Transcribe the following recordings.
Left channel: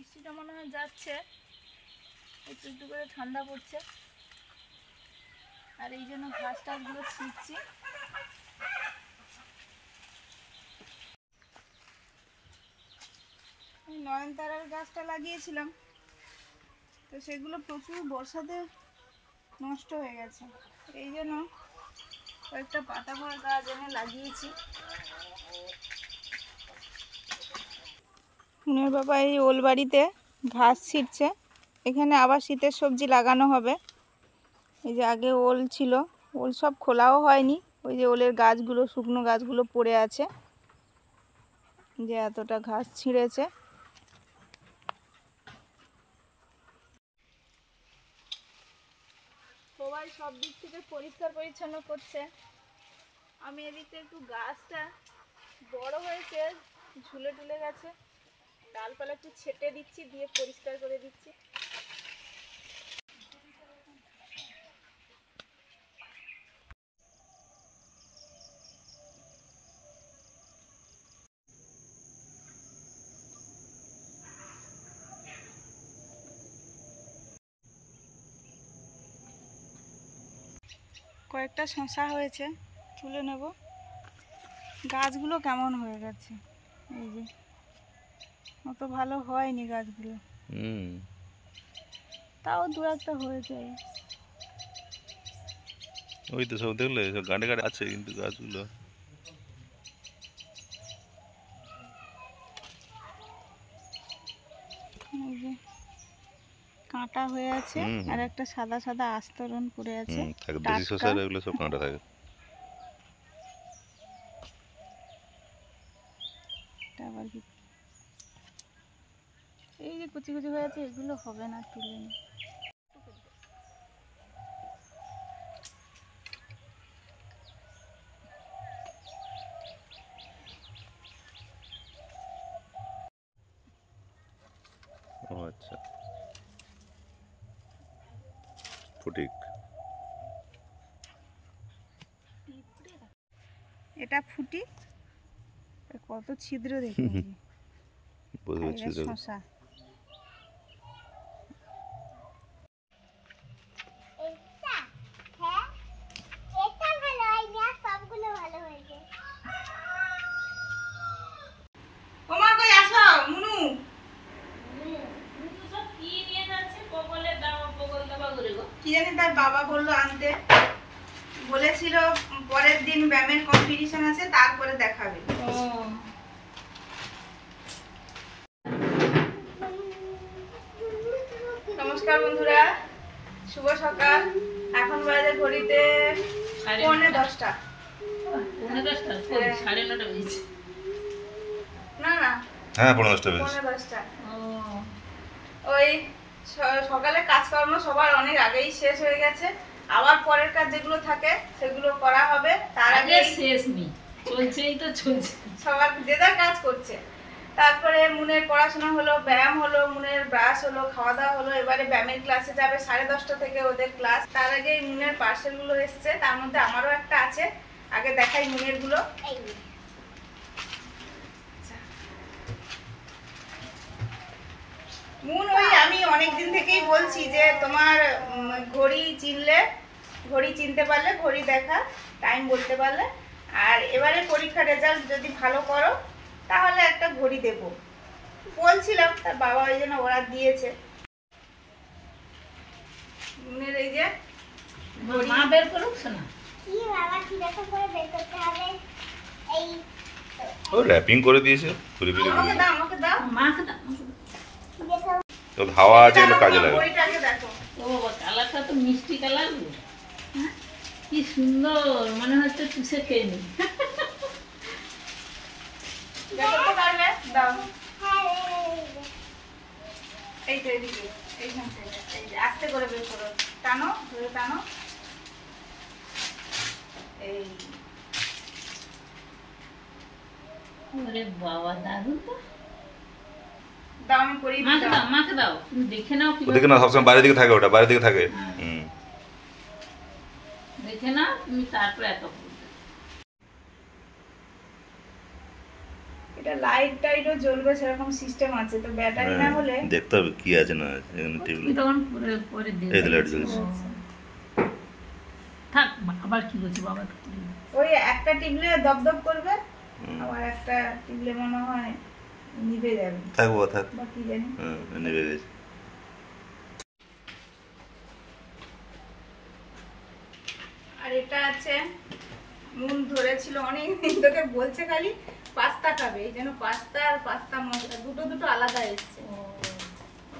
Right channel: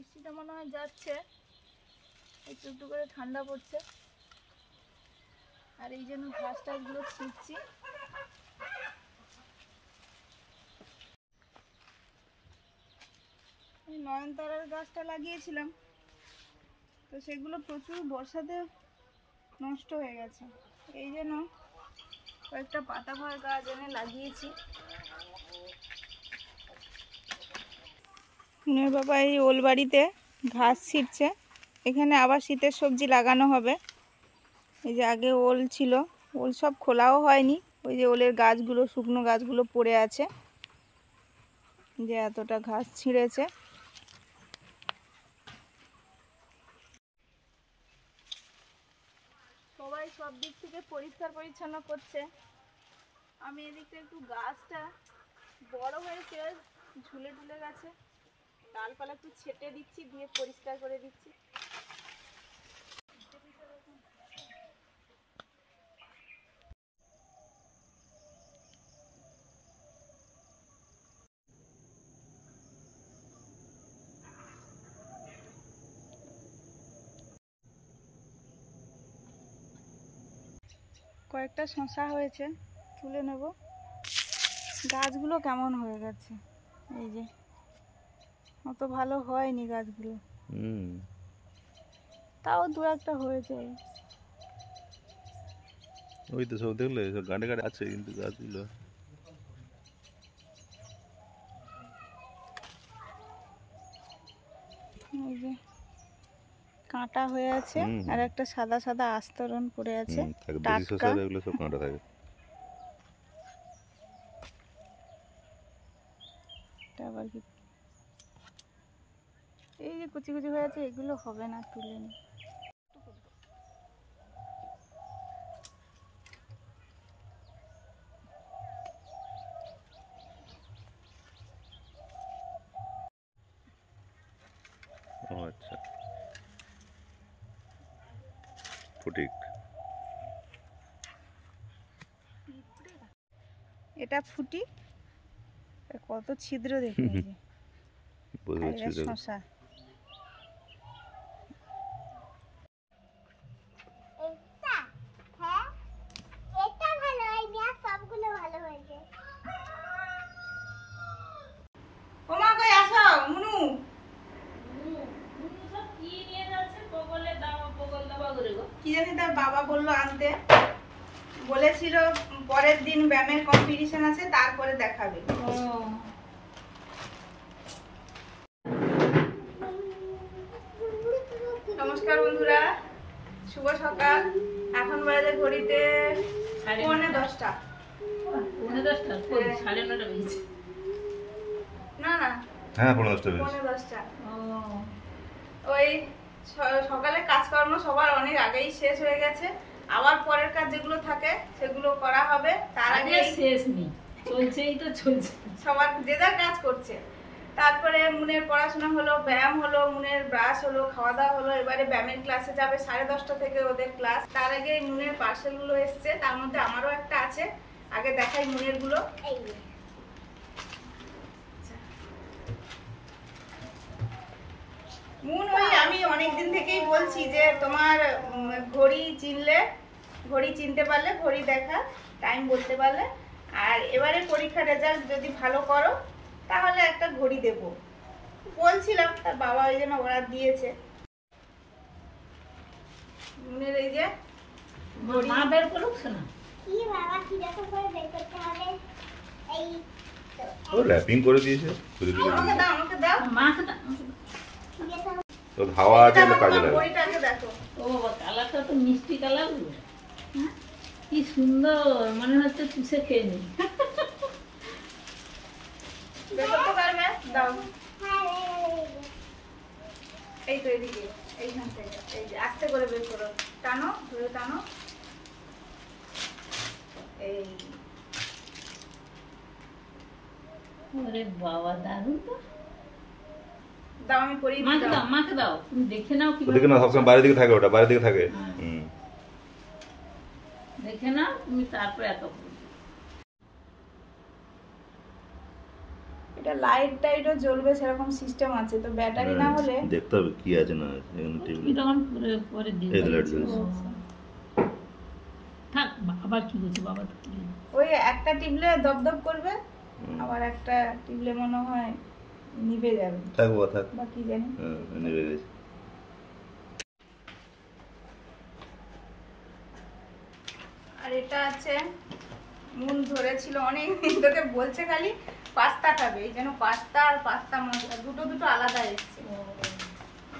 বৃষ্টিটা মনে হয় যাচ্ছে, একটু একটু করে ঠান্ডা পড়ছে। আর এই জন্য ঘাস টাসগুলো ছিঁড়ছি। নয়নতারার গাছটা লাগিয়েছিলাম, তো সেগুলো প্রচুর বর্ষাতে নষ্ট হয়ে গেছে। এই জন্য কয়েকটা পাতা ভরা গাছ এনে লাগিয়েছি। মুনের বাবা এই ওল বাড়িতে ঘাস ছিঁড়ছে। এখানে আবার শীতের সবজি লাগানো হবে। এই যে আগে ওল ছিল, ওল সব খোলাও হয়নি। ওই যে ওলের গাছগুলো, শুকনো গাছগুলো পড়ে আছে, যে এতটা ঘাস ছিঁড়েছে। সবাই সব দিক থেকে পরিষ্কার পরিচ্ছন্ন করছে। আমি এদিকে একটু গাছটা বড় হয়েছে, ঝুলে টুলে গেছে, ডালপালা একটু ছেটে দিচ্ছি, দিয়ে পরিষ্কার করে দিচ্ছি। কয়েকটা শসা হয়েছে, তুলে নেব। গাছগুলো কেমন হয়ে গেছে, এই যে অত ভালো হয়নি গাছগুলো, তাও দু একটা হয়েছে। ওই তো সব দেখলে সব গাঁটে গাঁটে আছে, কিন্তু গাছগুলো এই যে কাঁটা হয়ে আছে, আর একটা সাদা সাদা আস্তরণ পড়ে আছে। বেশি শসার এগুলো সব কাঁটা থাকে। আবার কি এই যে কুচি কুচি হয়ে আছে, এগুলো হবে না, তুলে নি। ও আচ্ছা, ফটিক। এটা ফুটি, কত ছিদ্র দেখে। শসা কি জানি তার বাবা বললো আনতে, বলেছিল পরের দিন ব্যায়ামের কম্পিটিশন আছে, তারপরে দেখাবে। নমস্কার বন্ধুরা, শুভ সকাল। এখন বাজে ঘড়িতে 9:10। না না, হ্যাঁ 9:10 বেজে। 9:10। ওই সকালে কাজকর্ম সবার অনেক আগেই শেষ হয়ে গেছে। আবার পরের কাজ যেগুলো থাকে সেগুলো করা হবে। তার আগে শেষ নেই, চলছেই তো চলছে, সবার যে যার কাজ করছে। তারপরে মুনের পড়াশোনা হলো, ব্যায়াম হলো, মুনের ব্রাশ হলো, খাওয়া দাওয়া হলো। এবারে ব্যায়ামের ক্লাসে যাবে, 10:30 থেকে ওদের ক্লাস। তার আগে মুনের পার্সেলগুলো এসছে, তার মধ্যে আমারও একটা আছে। আগে দেখাই মুনের গুলো। মুন, ওই আমি অনেকদিন থেকেই বলছি যে তোমার ঘড়ি চিনতে পারলে, ঘড়ি দেখা, টাইম বলতে পারলে, আর এবারে পরীক্ষা রেজাল্ট যদি ভালো করো তাহলে একটা ঘড়ি দেব বলছিলাম। তার বাবা ওই জন্য ওরা দিয়েছে। মুনের এই যে মা বের করুক না, কি বাবা কিরকম করে বের করতে হবে, এই ও র‍্যাপিং করে দিয়েছে, পুরি পুরি। আমাকে দাও, আমাকে দাও, মাকে দাও। তো হাওয়া আছে, এগুলো কাজে লাগে। ঘড়িটাকে দেখো। ও বাবা, কালারটা তো মিষ্টি কালার, কি সুন্দর, মনে হচ্ছে চুষে খেয়ে নি। বের করতে পারবে? দাও। হ্যাঁ এই তো এদিকে, এইখান থেকে, এই যে আস্তে করে বের করো, টানো, ধরে টানো। এই ওরে বাবা, দারুণ তো। দাও, আমি করিয়ে মাকে দিই। দাও, মাকে দাও, তুমি দেখে নাও। কি ওদিকে না, সবসময় বাইরের দিকে থাকে, ওটা বাইরের দিকে থাকে। দেখে নাও তুমি, তারপর এত এটা এটা লাইট টাইটও জ্বলবে সেরকম সিস্টেম আছে, তো ব্যাটারি না হলে দেখতে হবে কি আছে না আছে এখানে টেবিল। কি তখন পরে পরে দিয়ে এই তো লাইট জ্বলছে। থাক আবার কি বলছি বাবা। ওই একটা টিপলে দপদপ করবে, আবার একটা টিপলে মনে হয় নিভে যাবে, থাকবো থাক। বা কি জানি। নেবে গেছে। আর এটা আছে মন ধরেছিল অনেক দিন তোকে বলছে খালি পাস্তা খাবে, এই জন্য পাস্তা আর পাস্তা মশলা দুটো দুটো আলাদা এসছে।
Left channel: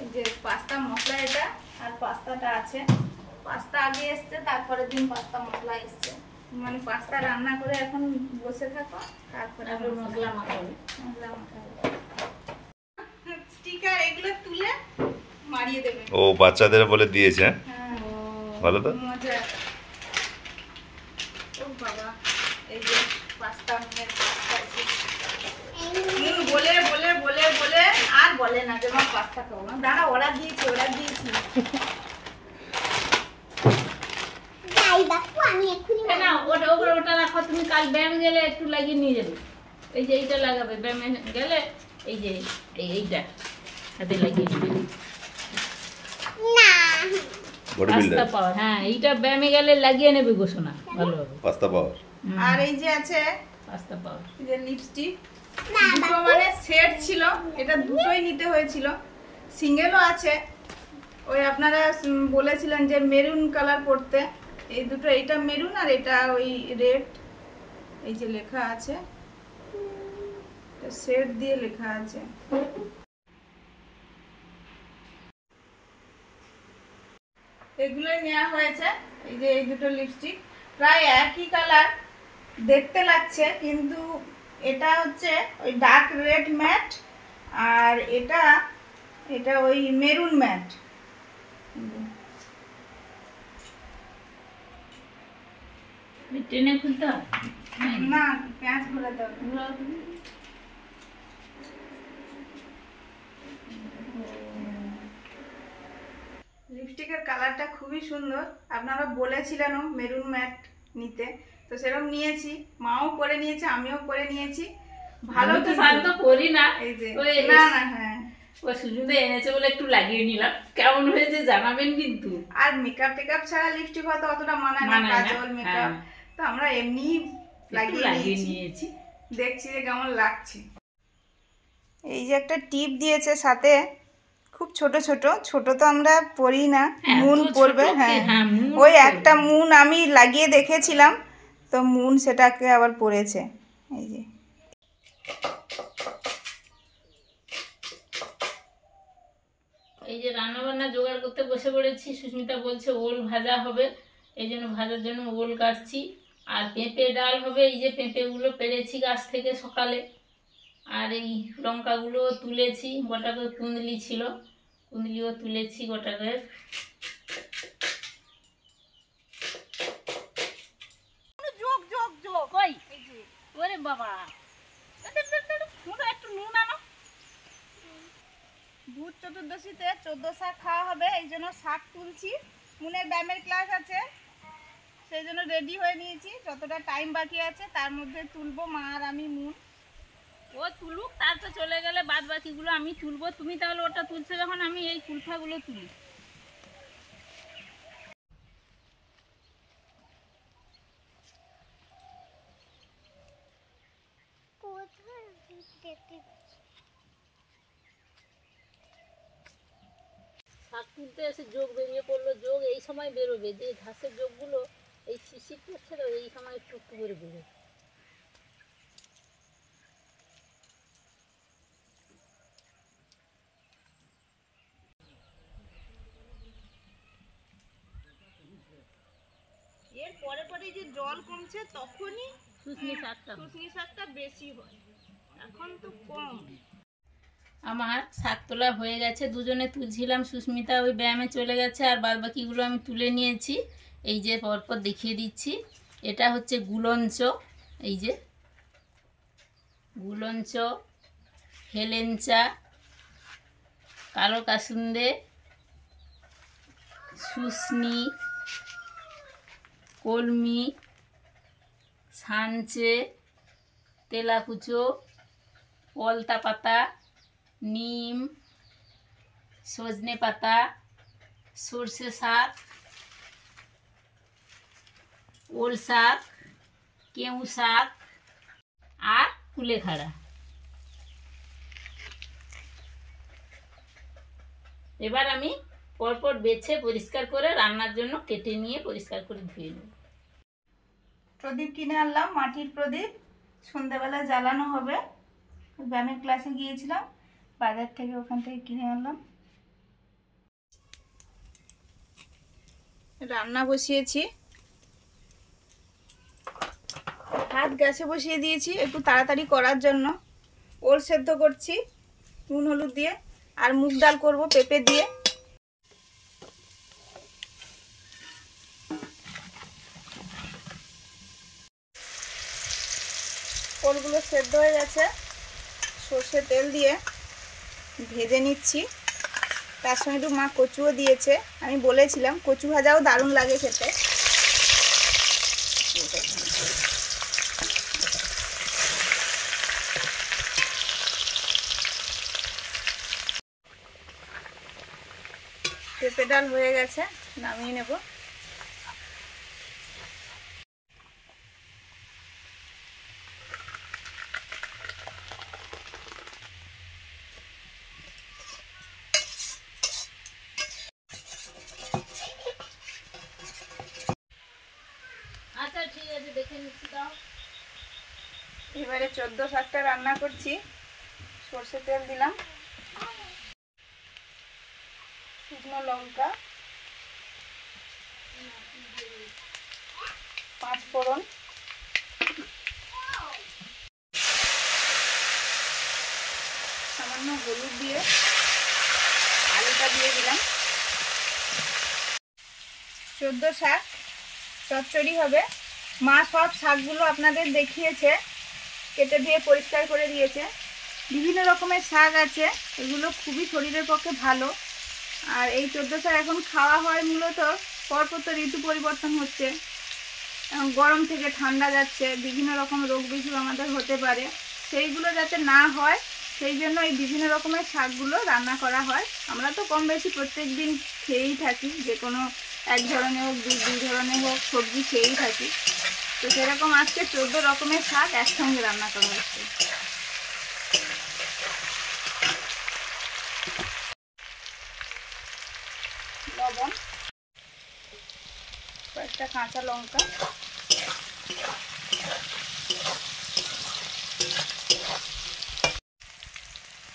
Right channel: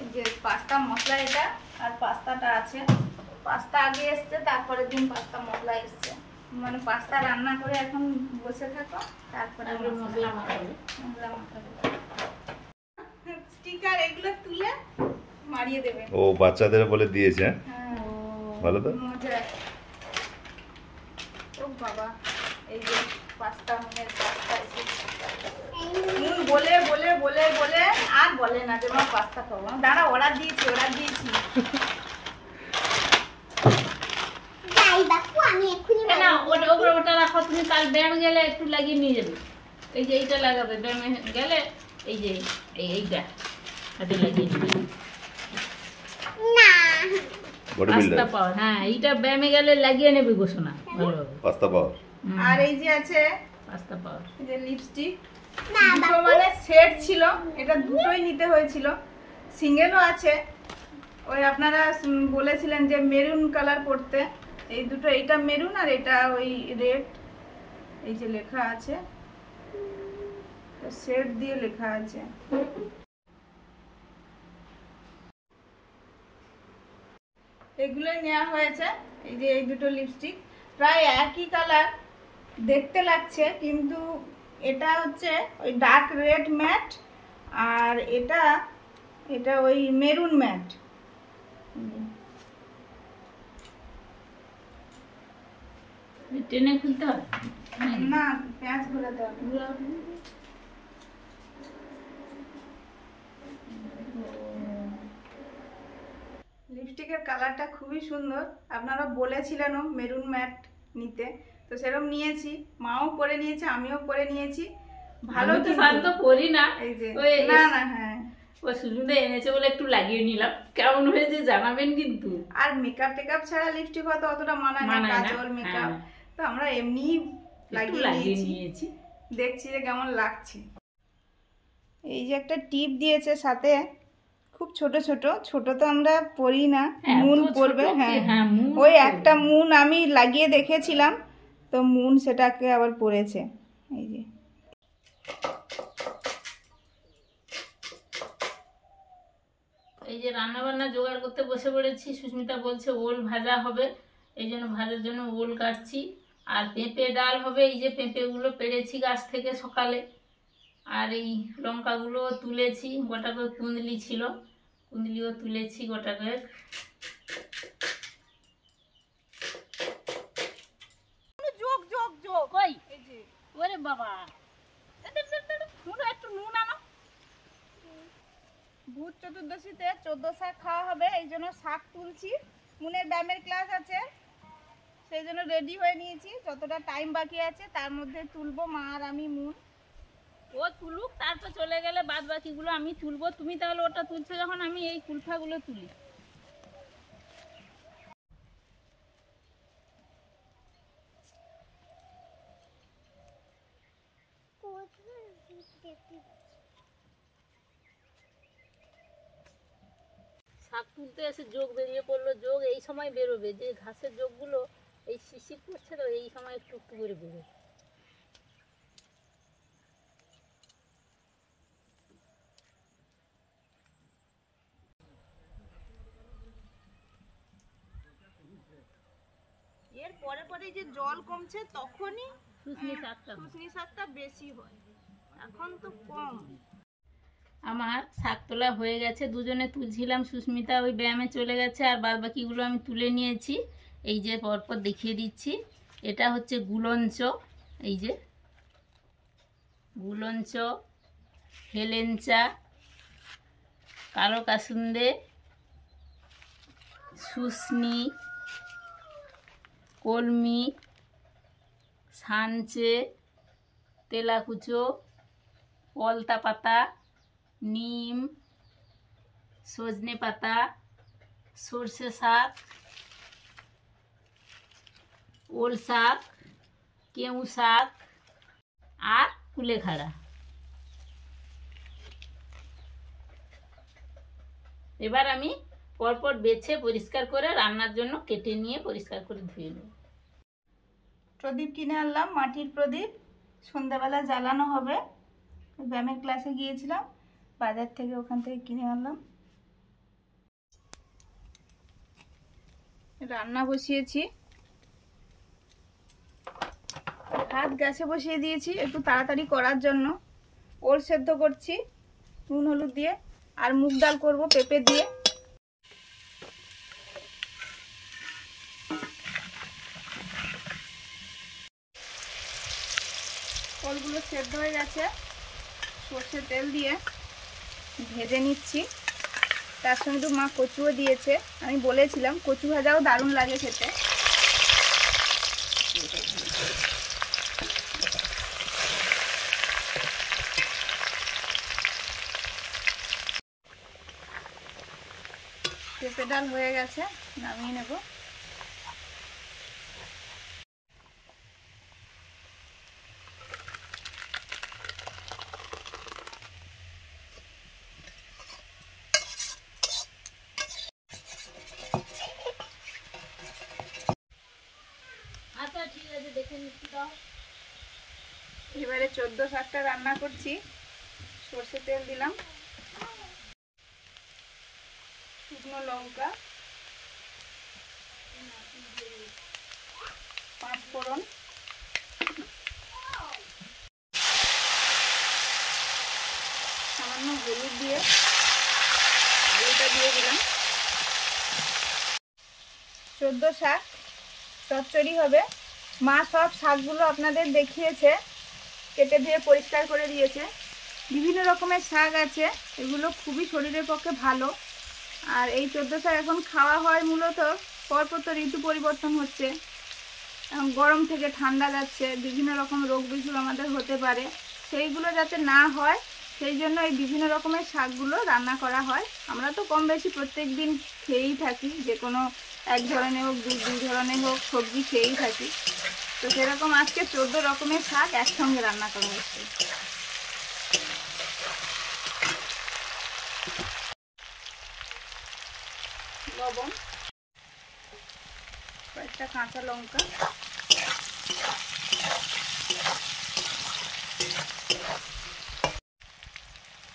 এই যে পাস্তা মশলা এটা আর পাস্তাটা আছে, পাস্তা আগে এসছে তারপরের দিন পাস্তা মশলা এসছে, মানে পাস্তা রান্না করে এখন বসে থাকো তারপরে মশলা মাখাবে। মশলা মাখাবে। স্টিকার এগুলো তুলে মারিয়ে দেবে। ও বাচ্চাদের বলে দিয়েছে। হ্যাঁ ভালো তো। মজা। ও বাবা এই যে পাস্তা মুনের পাস্তা বলে বলে বলে বলে আর বলে না যে মা পাস্তা খাবো, দাঁড়া অর্ডার দিয়েছি যাই বাপু আমি এক্ষুনি না ওটা ওপরে ওটা রাখো, তুমি কাল ব্যায়াম গেলে একটু লাগিয়ে নিয়ে যাবে। এই যে এইটা লাগাবে ব্যায়ামে গেলে, এই যে এইটা হাতে লাগিয়ে নেবে। না বডি পাস্তা বিল্ডার পাওয়ার, হ্যাঁ এইটা ব্যায়ামে গেলে লাগিয়ে নেবে ঘোষণা ভালো হবে। পাস্তা পাওয়ার। আর এই যে আছে পাস্তা পাওয়ার এই যে লিপস্টিক, না দুটো মানে সেট ছিল, এটা দুটোই নিতে হয়েছিল, সিঙ্গেলও আছে। ওই আপনারা বলেছিলেন যে মেরুন কালার পরতে, এই দুটো, এইটা মেরুন আর এটা ওই রেড, এই যে লেখা আছে সেট দিয়ে লেখা আছে। এগুলোই নেওয়া হয়েছে। এই যে এই দুটো লিপস্টিক প্রায় একই কালার দেখতে লাগছে, কিন্তু এটা হচ্ছে ওই ডার্ক রেড ম্যাট আর এটা এটা ওই মেরুন ম্যাট। টেনে খুলতে হয় না পেঁয়াজ ঘোরাতে হবে। লিপস্টিকের কালারটা খুবই সুন্দর, আপনারা বলেছিলেনও মেরুন ম্যাট নিতে, তো সেরকম নিয়েছি, মাও পরে নিয়েছে আমিও পরে নিয়েছি। ভালো তো কিন্তু। শান্ত করি না, এই যে ওই না না হ্যাঁ, ও সুজুদা এনেছে বলে একটু লাগিয়ে নিলাম, কেমন হয়েছে জানাবেন কিন্তু। আর মেকআপ টেকআপ ছাড়া লিপস্টিক হয়তো অতটা মানায় না, মানায় না, কাজল মেকআপ, হ্যাঁ। তো আমরা এমনি একটু লাগিয়ে নিয়েছি। দেখছি যে কেমন লাগছে। এই যে একটা টিপ দিয়েছে সাথে, খুব ছোট ছোট, ছোট তো আমরা পরি না, হ্যাঁ, মুন তো ছোট পরবে। কি? হ্যাঁ হ্যাঁ, মুন ওই পরবে। একটা মুন আমি লাগিয়ে দেখেছিলাম, তো মুন সেটাকে আবার পরেছে। এই যে এই যে রান্না বান্না জোগাড় করতে বসে পড়েছি, সুস্মিতা বলছে ওল ভাজা হবে, এই জন্য ভাজার জন্য ওল কাটছি। আর পেঁপে ডাল হবে, এই যে পেঁপেগুলো পেড়েছি গাছ থেকে সকালে। আর এই লঙ্কাগুলো তুলেছি, গোটা করে কুঁদলি ছিল, কুঁদলিও তুলেছি গোটা করে। যোগ যোগ যোগ কই ওরে বাবা, একটু নুন আনো। ভূত চতুর্দশীতে 14 শাক খাওয়া হবে, এই জন্য শাক তুলছি, মুনের ব্যায়ামের ক্লাস আছে সেই জন্য রেডি হয়ে নিয়েছি, যতটা টাইম বাকি আছে তার মধ্যে তুলবো মা আর আমি মুন। ও তুলুক, তারপর চলে গেলে বাদ বাকিগুলো আমি তুলবো। তুমি তাহলে ওটা তুলছো যখন, আমি এই কুলফাগুলো তুলি। কোথায় দেখতে শাক তুলতে এসে যোগ বেরিয়ে পড়লো, যোগ এই সময় বেরোবে, যে ঘাসের যোগগুলো এই শিশির পড়ছে তো এই সময় একটু একটু করে বেরোবে। এর পরে পরে যে জল কমছে তখনই শুশনি শাকটা শুশনি শাকটা বেশি হয়, এখন তো কম। আমার শাক তোলা হয়ে গেছে, দুজনে তুলছিলাম, সুস্মিতা ওই ব্যায়ামে চলে গেছে, আর বাদ বাকিগুলো আমি তুলে নিয়েছি। এই যে পরপর দেখিয়ে দিচ্ছি, এটা হচ্ছে গুলঞ্চ, এই যে গুলঞ্চ, হেলেঞ্চা, কালো কাসুন্দে, শুশনি, কলমি, সানচে, তেলাকুচো, পলতা পাতা, নিম, সজনে পাতা, সর্ষে শাক, ওল শাক, কেউ শাক আর কুলেখাড়া। এবার আমি পরপর বেছে পরিষ্কার করে রান্নার জন্য কেটে নিয়ে পরিষ্কার করে ধুয়ে নেব। প্রদীপ কিনে আনলাম, মাটির প্রদীপ, সন্ধ্যাবেলা জ্বালানো হবে। ব্যায়ামের ক্লাসে গিয়েছিলাম, বাজার থেকে ওখান থেকে কিনে আনলাম। রান্না বসিয়েছি, ভাত গ্যাসে বসিয়ে দিয়েছি একটু তাড়াতাড়ি করার জন্য। ওল সেদ্ধ করছি নুন হলুদ দিয়ে, আর মুগ ডাল করবো পেঁপে দিয়ে। ওলগুলো সেদ্ধ হয়ে গেছে, সর্ষে তেল দিয়ে ভেজে নিচ্ছি। তার সঙ্গে একটু মা কচুও দিয়েছে, আমি বলেছিলাম কচু ভাজাও দারুণ লাগে খেতে। পেঁপে ডাল হয়ে গেছে, নামিয়ে নেব। আচ্ছা ঠিক আছে, দেখে নিচ্ছি। দাও। এবারে 14 শাকটা রান্না করছি। সর্ষে তেল দিলাম, শুকনো লঙ্কা, 5 ফোড়ন, সামান্য হলুদ দিয়ে আলুটা দিয়ে দিলাম। 14 শাক চচ্চড়ি হবে। মা সব শাকগুলো আপনাদের দেখিয়েছে, কেটে ধুয়ে পরিষ্কার করে দিয়েছে। বিভিন্ন রকমের শাক আছে, এগুলো খুবই শরীরের পক্ষে ভালো। আর এই 14 শাক এখন খাওয়া হয় মূলত পরপর তো ঋতু পরিবর্তন হচ্ছে, এখন গরম থেকে ঠান্ডা যাচ্ছে, বিভিন্ন রকম রোগ বিসুখ আমাদের হতে পারে, সেইগুলো যাতে না হয় সেই জন্য এই বিভিন্ন রকমের শাকগুলো রান্না করা হয়। আমরা তো কম বেশি প্রত্যেক দিন খেয়েই থাকি, যে কোনো এক ধরনের হোক দুই ধরনের হোক সবজি খেয়েই থাকি। তো সেরকম আজকে 14 রকমের শাক একসঙ্গে রান্না করা হচ্ছে। লবণ, কয়েকটা কাঁচা লঙ্কা,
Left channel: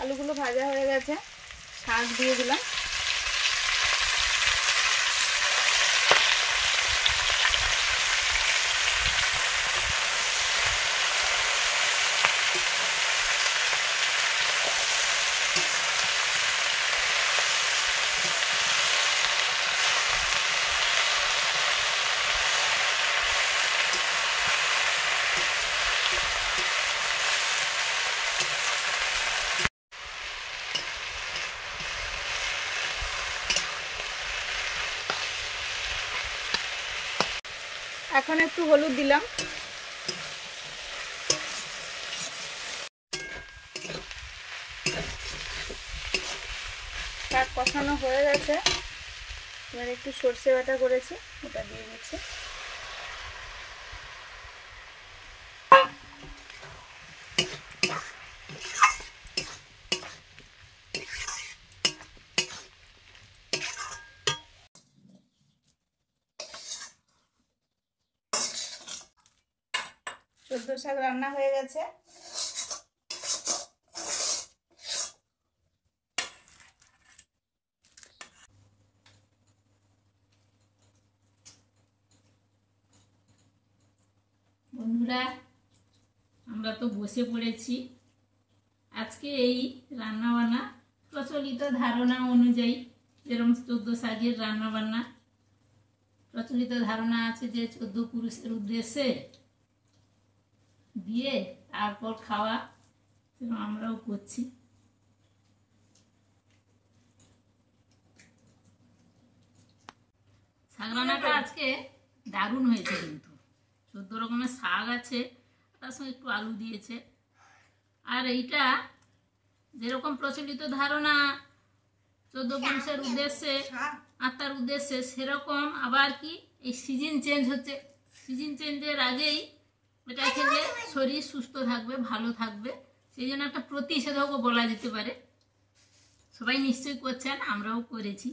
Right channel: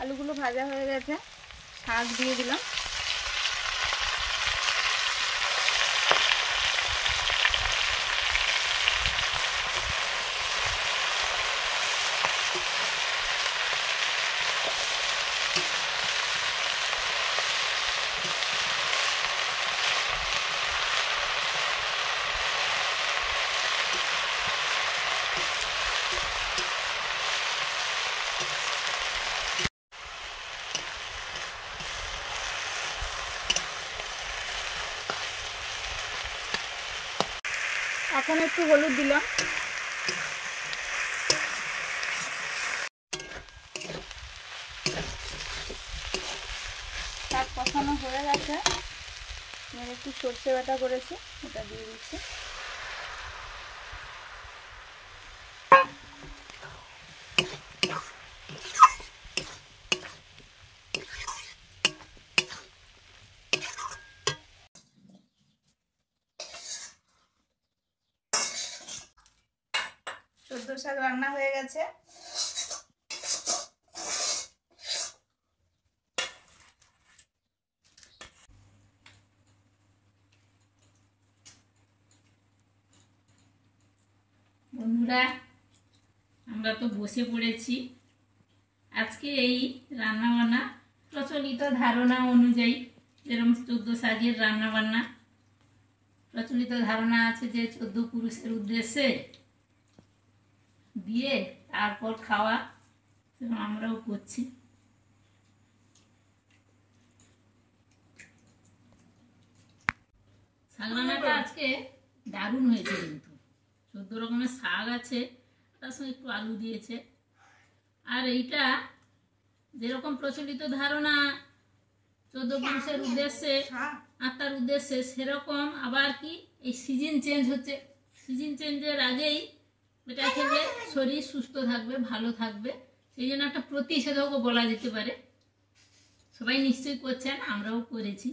আলুগুলো ভাজা হয়ে গেছে, শাক দিয়ে দিলাম। এখন একটু হলুদ দিলাম। শাক কষানো হয়ে গেছে, এবার একটু সর্ষে বাটা করেছি ওটা দিয়ে দিচ্ছি। সর্ষে শাক রান্না হয়ে গেছে। বন্ধুরা, আমরা তো বসে পড়েছি। আজকে এই রান্নাবান্না প্রচলিত ধারণা অনুযায়ী, যেরকম 14 শাকের রান্নাবান্না প্রচলিত ধারণা আছে যে 14 পুরুষের উদ্দেশ্যে দিয়ে তারপর খাওয়া, সেরকম আমরাও করছি। শাক রান্নাটা আজকে দারুণ হয়েছে, কিন্তু 14 রকমের শাক আছে, তার সঙ্গে একটু আলু দিয়েছে, আর এইটা যেরকম প্রচলিত ধারণা 14 পুরুষের উদ্দেশ্যে আত্মার উদ্দেশ্যে, সেরকম আবার কি এই সিজন চেঞ্জ হচ্ছে। সিজন চেঞ্জের আগেই এটা খেলে শরীর সুস্থ থাকবে, ভালো থাকবে, সেই জন্য একটা প্রতিষেধকও বলা যেতে পারে। সবাই নিশ্চয়ই করছেন, আমরাও করেছি।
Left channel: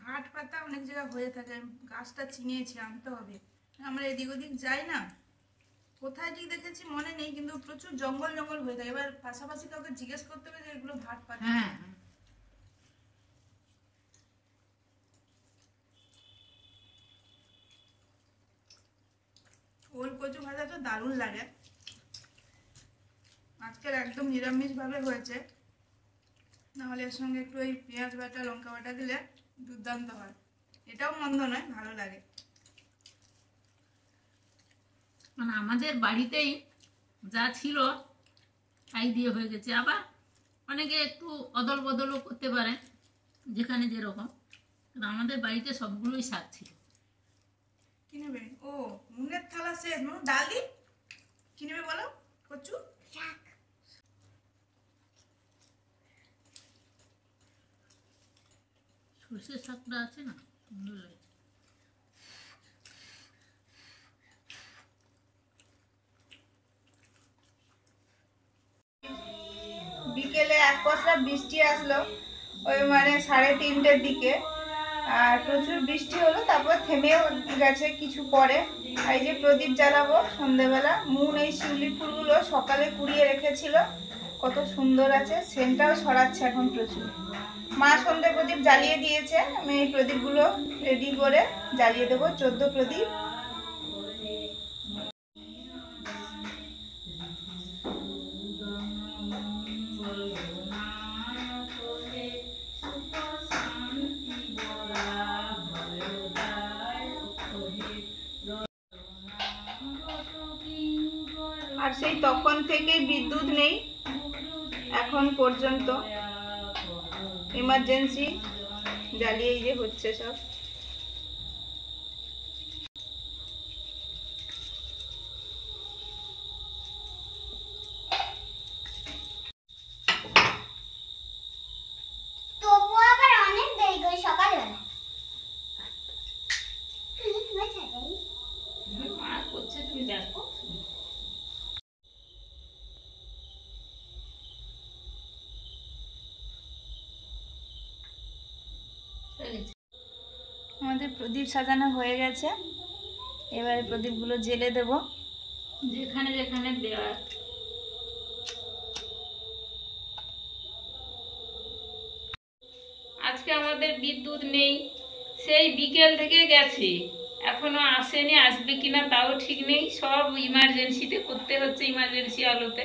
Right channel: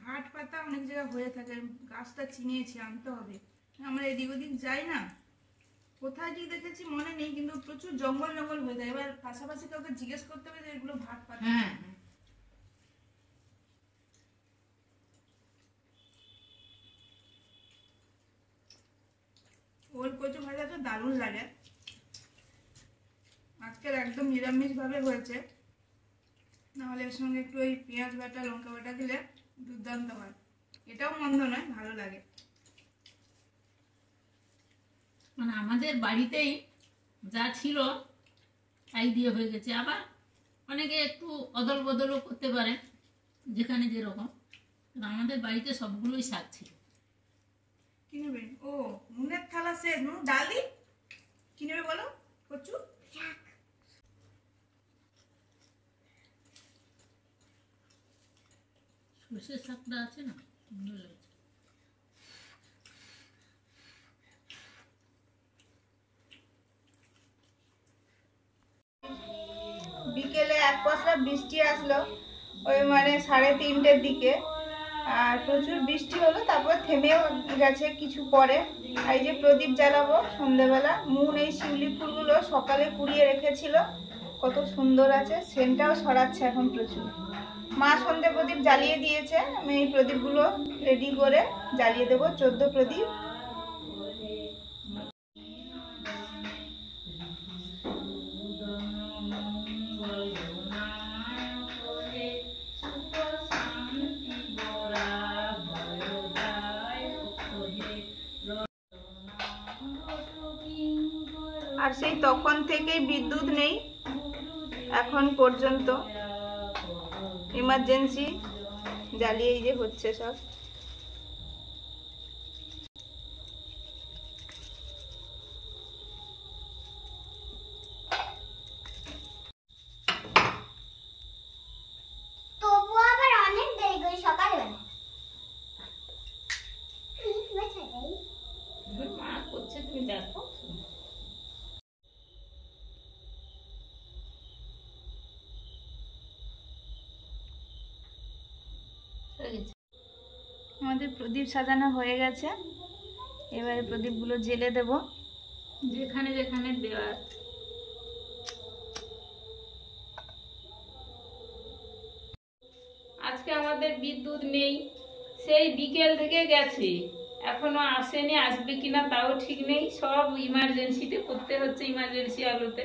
ভাট পাতা অনেক জায়গায় হয়ে থাকে, গাছটা চিনিয়েছি, আনতে হবে। আমরা এদিক ওদিক যাই না, কোথায় ঠিক দেখেছি মনে নেই, কিন্তু প্রচুর জঙ্গল জঙ্গল হয়ে থাকে। এবার পাশাপাশি কাউকে জিজ্ঞেস করতে হবে যে এগুলো ভাট পাতা। হ্যাঁ, ওল কচু ভাজাটা দারুণ লাগে। আজকের একদম নিরামিষ ভাবে হয়েছে, নাহলে এর সঙ্গে একটু ওই পেঁয়াজ বাটা লঙ্কা বাটা দিলে দুর্দান্ত হয়। এটাও মন্দ নয়, ভালো লাগে। মানে আমাদের বাড়িতেই যা ছিল তাই দিয়ে হয়ে গেছে। আবার অনেকে একটু অদল বদলও করতে পারে, যেখানে যেরকম। আমাদের বাড়িতে সবগুলোই শাক ছিল। কি নেবে? ও মুনের থালা শেষ, নু ডাল দি। কি নেবে বলো? কচু শাক। সর্ষের শাকটা আছে না, ভালো লাগে। বিকেলে এক পশলা বৃষ্টি আসলো, ওই মানে 3:30টার দিকে, আর প্রচুর বৃষ্টি হলো। তারপর থেমেও গেছে কিছু পরে। আর এই যে প্রদীপ জ্বালাবো সন্ধ্যেবেলা। মুন এই শিউলি ফুলগুলো সকালে কুড়িয়ে রেখেছিল, কত সুন্দর আছে, সেন্টটাও ছড়াচ্ছে এখন প্রচুর। মা সন্ধ্যে প্রদীপ জ্বালিয়ে দিয়েছে, আমি এই প্রদীপগুলো রেডি করে জ্বালিয়ে দেবো, 14 প্রদীপ। আর সেই তখন থেকেই বিদ্যুৎ নেই এখন পর্যন্ত, ইমার্জেন্সি জ্বালিয়েই যে হচ্ছে সব। তবুও আবার অনেক দেরি করে সকালবেলা। মা করছে, তুমি দেখো। আমাদের প্রদীপ সাজানো হয়ে গেছে, এবারে প্রদীপগুলো জ্বেলে দেব যেখানে যেখানে দেওয়া। আজকে আমাদের বিদ্যুৎ নেই, সেই বিকেল থেকে গেছে, এখনো আসেনি। আসবে কিনা তাও ঠিক নেই। সব ইমার্জেন্সিতে করতে হচ্ছে, ইমার্জেন্সি আলোতে।